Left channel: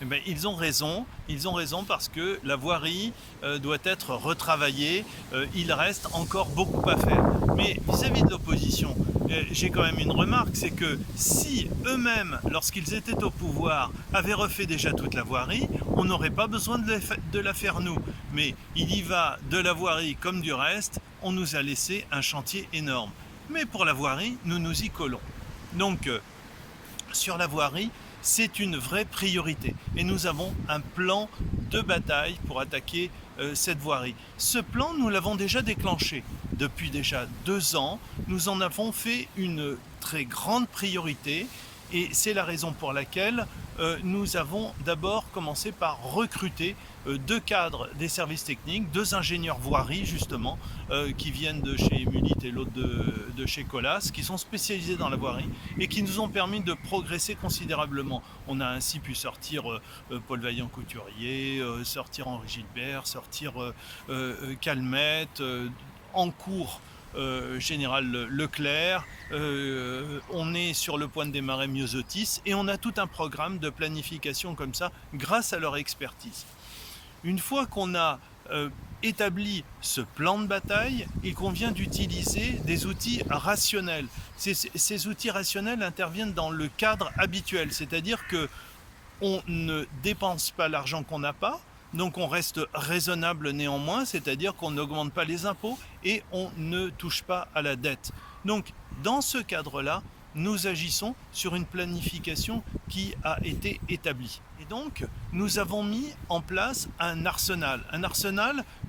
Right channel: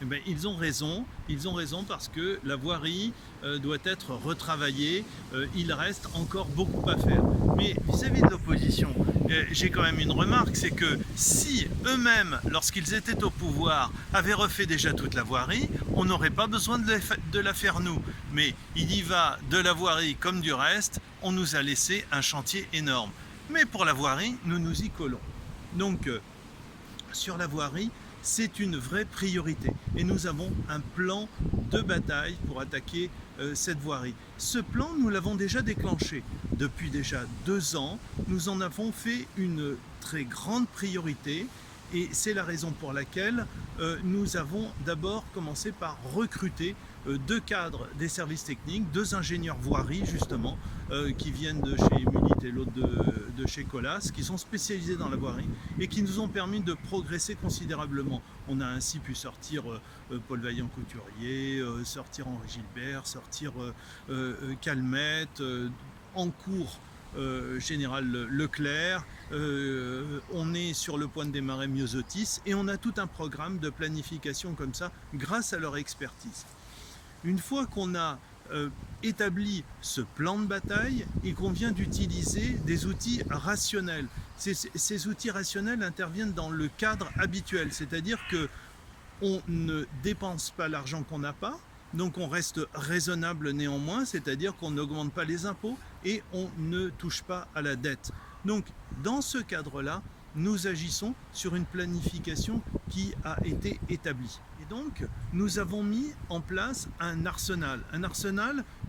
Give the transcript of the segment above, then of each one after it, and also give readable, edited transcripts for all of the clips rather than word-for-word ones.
Eh ben, ils ont raison parce que la voirie doit être retravaillée, il reste encore beaucoup à faire. Mais vis-à-vis de l'opposition, j'ai quand même une remarque, c'est que si eux-mêmes, lorsqu'ils étaient au pouvoir, avaient refait déjà toute la voirie, on n'aurait pas besoin de la faire nous. Mais il y va de la voirie comme du reste, on nous a laissé un chantier énorme. Mais pour la voirie, nous nous y collons. Donc, sur la voirie, c'est une vraie priorité et nous avons un plan de bataille pour attaquer cette voirie. Ce plan, nous l'avons déjà déclenché depuis déjà 2 ans. Nous en avons fait une très grande priorité et c'est la raison pour laquelle nous avons d'abord commencé par recruter 2 cadres des services techniques, 2 ingénieurs voirie justement, qui viennent de chez Emulit et l'autre de chez Colas, qui sont spécialisés dans la voirie et qui nous ont permis de progresser considérablement. On a ainsi pu sortir Paul Vaillant-Couturier, sortir Henri Gilbert, sortir Calmette, en cours Général Leclerc, on est sur le point de démarrer Myosotis et on a tout un programme de planification comme ça grâce à leur expertise. Une fois qu'on a établi ce plan de bataille, il convient d'utiliser des outils rationnels. Ces outils rationnels interviennent dans le cadre habituel, c'est-à-dire qu'on ne dépense pas l'argent qu'on n'a pas, donc on reste raisonnable néanmoins, c'est-à-dire qu'on n'augmente pas les impôts et on ne touche pas à la dette. Donc dans ce cadre-là, nous agissons sur une planification qui a été établie. Et donc, nous avons mis en place un arsenal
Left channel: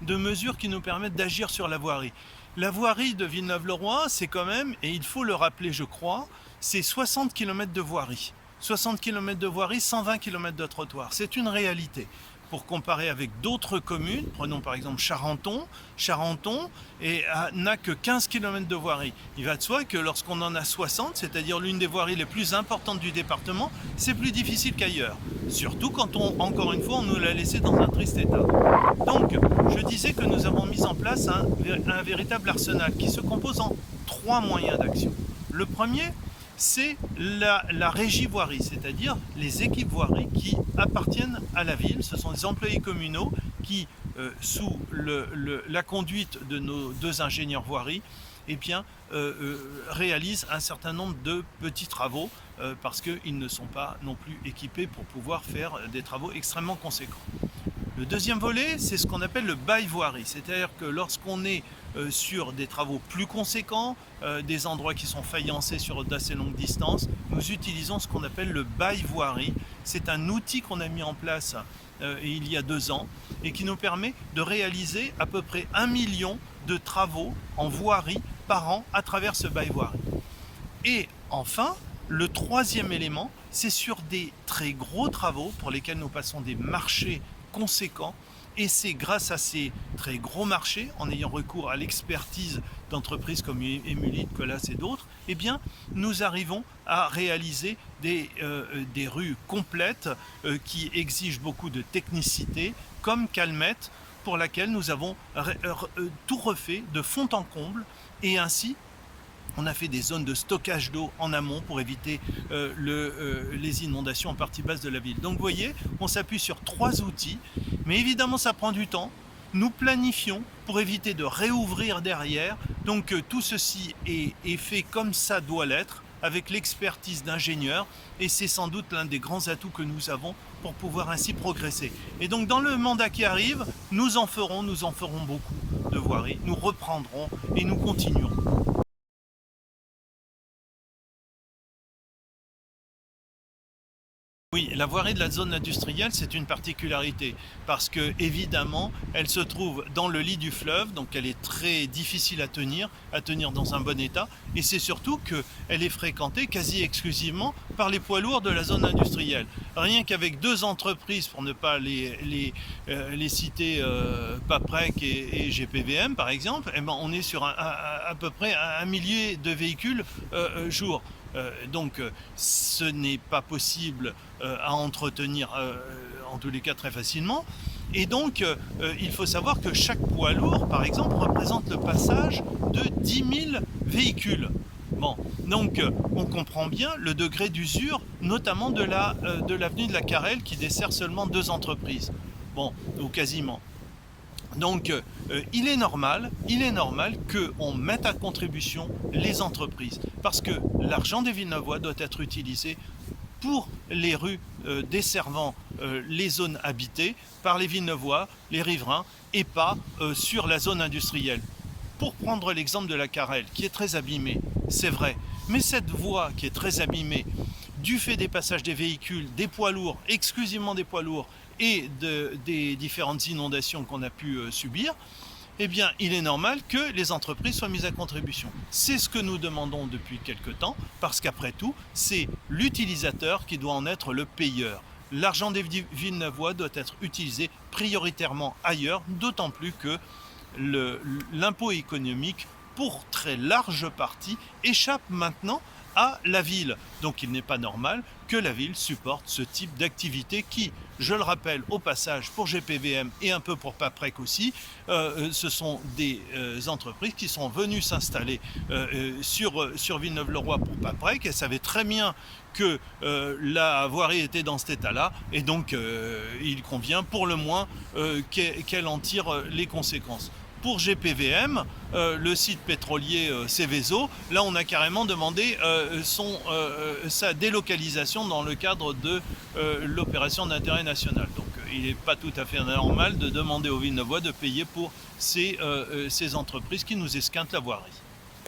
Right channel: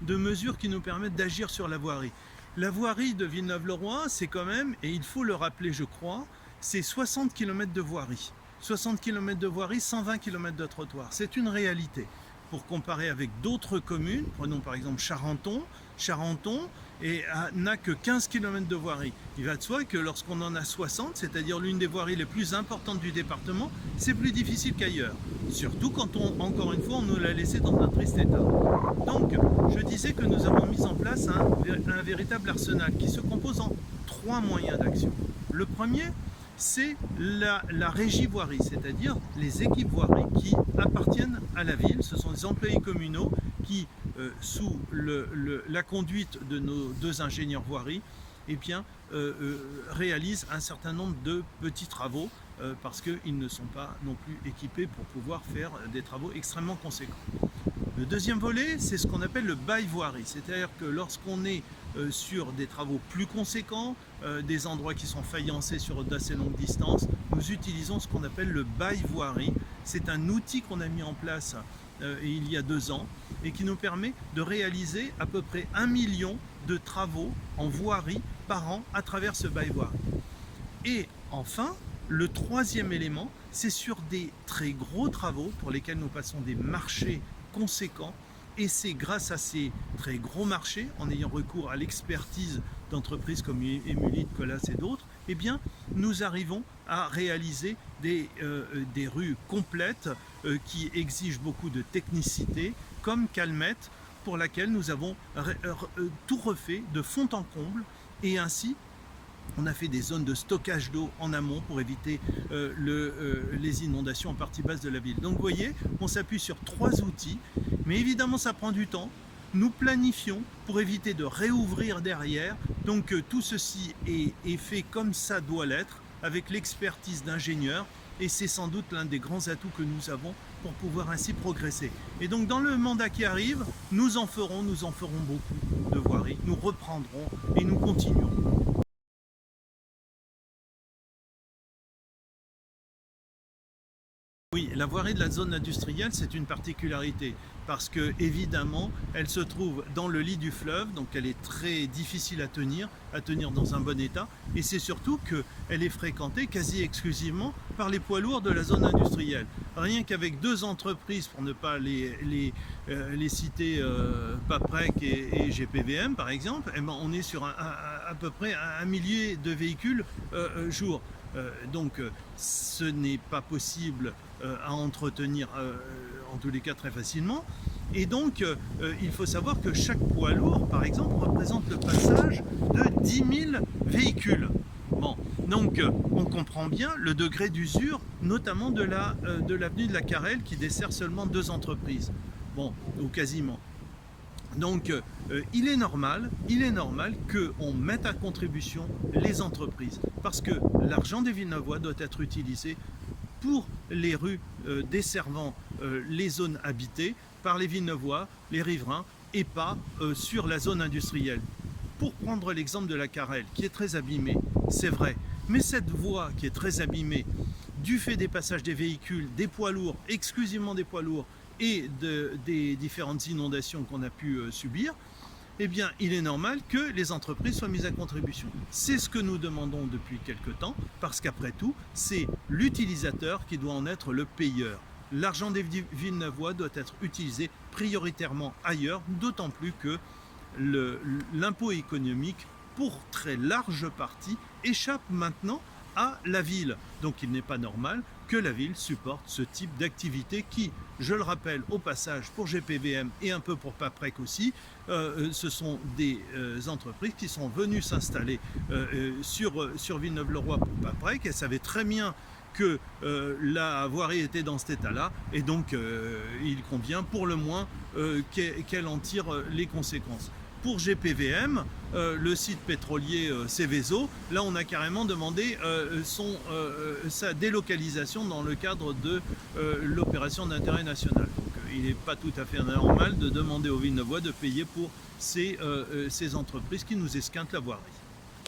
de mesures qui nous permettent d'agir sur la voirie. La voirie de Villeneuve-le-Roi, c'est quand même, et il faut le rappeler je crois, c'est 60 km de voirie. 60 km de voirie, 120 km de trottoir. C'est une réalité. Pour comparer avec d'autres communes, prenons par exemple Charenton n'a que 15 km de voirie. Il va de soi que lorsqu'on en a 60, c'est-à-dire l'une des voiries les plus importantes du département, c'est plus difficile qu'ailleurs. Surtout quand encore une fois, on nous l'a laissé dans un triste état. Donc, je disais que nous avons mis en place un véritable arsenal qui se compose en 3 moyens d'action. Le premier, c'est la régie voirie, c'est-à-dire les équipes voirie qui appartiennent à la ville. Ce sont des employés communaux qui, sous la conduite de nos 2 ingénieurs voirie, eh bien, réalisent un certain nombre de petits travaux parce qu'ils ne sont pas non plus équipés pour pouvoir faire des travaux extrêmement conséquents. Le deuxième volet, c'est ce qu'on appelle le bail voirie, c'est-à-dire que lorsqu'on est sur des travaux plus conséquents, des endroits qui sont faïencés sur d'assez longue distance, nous utilisons ce qu'on appelle le bail voirie. C'est un outil qu'on a mis en place il y a 2 ans et qui nous permet de réaliser à peu près 1 million de travaux en voirie par an à travers ce bail voirie. Et enfin, le troisième élément, c'est sur des très gros travaux pour lesquels nous passons des marchés conséquents. Et c'est grâce à ces très gros marchés, en ayant recours à l'expertise d'entreprises comme Emulit, Colas et d'autres, eh bien, nous arrivons à réaliser des rues complètes qui exigent beaucoup de technicité, comme Calmette, pour laquelle nous avons tout refait de fond en comble, et ainsi on a fait des zones de stockage d'eau en amont pour éviter les inondations en partie basse de la ville. Donc vous voyez, on s'appuie sur 3 outils, mais évidemment ça prend du temps. Nous planifions pour éviter de réouvrir derrière. Donc tout ceci est fait comme ça doit l'être, avec l'expertise d'ingénieurs, et c'est sans doute l'un des grands atouts que nous avons pour pouvoir ainsi progresser. Et donc dans le mandat qui arrive, nous en ferons beaucoup de voiries, nous reprendrons et nous continuerons. Oui, la voirie de la zone industrielle, c'est une particularité parce que évidemment, elle se trouve dans le lit du fleuve, donc elle est très difficile à tenir dans un bon état, et c'est surtout qu'elle est fréquentée quasi exclusivement par les poids lourds de la zone industrielle. Rien qu'avec 2 entreprises, pour ne pas les citer, Paprec et GPVM par exemple, eh ben, on est sur à peu près 1 millier de véhicules jour. Donc ce n'est pas possible à entretenir en tous les cas très facilement, et donc il faut savoir que chaque poids lourd par exemple représente le passage de 10 000 véhicules. Bon, donc on comprend bien le degré d'usure, notamment de l'avenue de la Carrel qui dessert seulement 2 entreprises. Bon, ou quasiment. Donc il est normal qu'on mette à contribution les entreprises parce que l'argent des Villeneuvois doit être utilisé pour les rues desservant les zones habitées par les Villeneuvois, les riverains et pas sur la zone industrielle. Pour prendre l'exemple de la Carrel qui est très abîmée, c'est vrai, mais cette voie qui est très abîmée du fait des passages des véhicules, des poids lourds, exclusivement des poids lourds et des différentes inondations qu'on a pu subir, eh bien, il est normal que les entreprises soient mises à contribution. C'est ce que nous demandons depuis quelque temps, parce qu'après tout, c'est l'utilisateur qui doit en être le payeur. L'argent des Villeneuvois doit être utilisé prioritairement ailleurs, d'autant plus que l'impôt économique, pour très large partie, échappe maintenant à la ville. Donc il n'est pas normal que la ville supporte ce type d'activité qui, je le rappelle au passage, pour GPVM et un peu pour Paprec aussi, ce sont des entreprises qui sont venues s'installer sur Villeneuve-le-Roi pour Paprec et savaient très bien que la voirie était dans cet état-là et donc il convient pour le moins qu'elle en tire les conséquences. Pour GPVM, le site pétrolier Seveso, là on a carrément demandé sa délocalisation dans le cadre de l'opération d'intérêt national. Donc il n'est pas tout à fait normal de demander aux Villeneuvois de payer pour ces entreprises qui nous esquintent la voirie.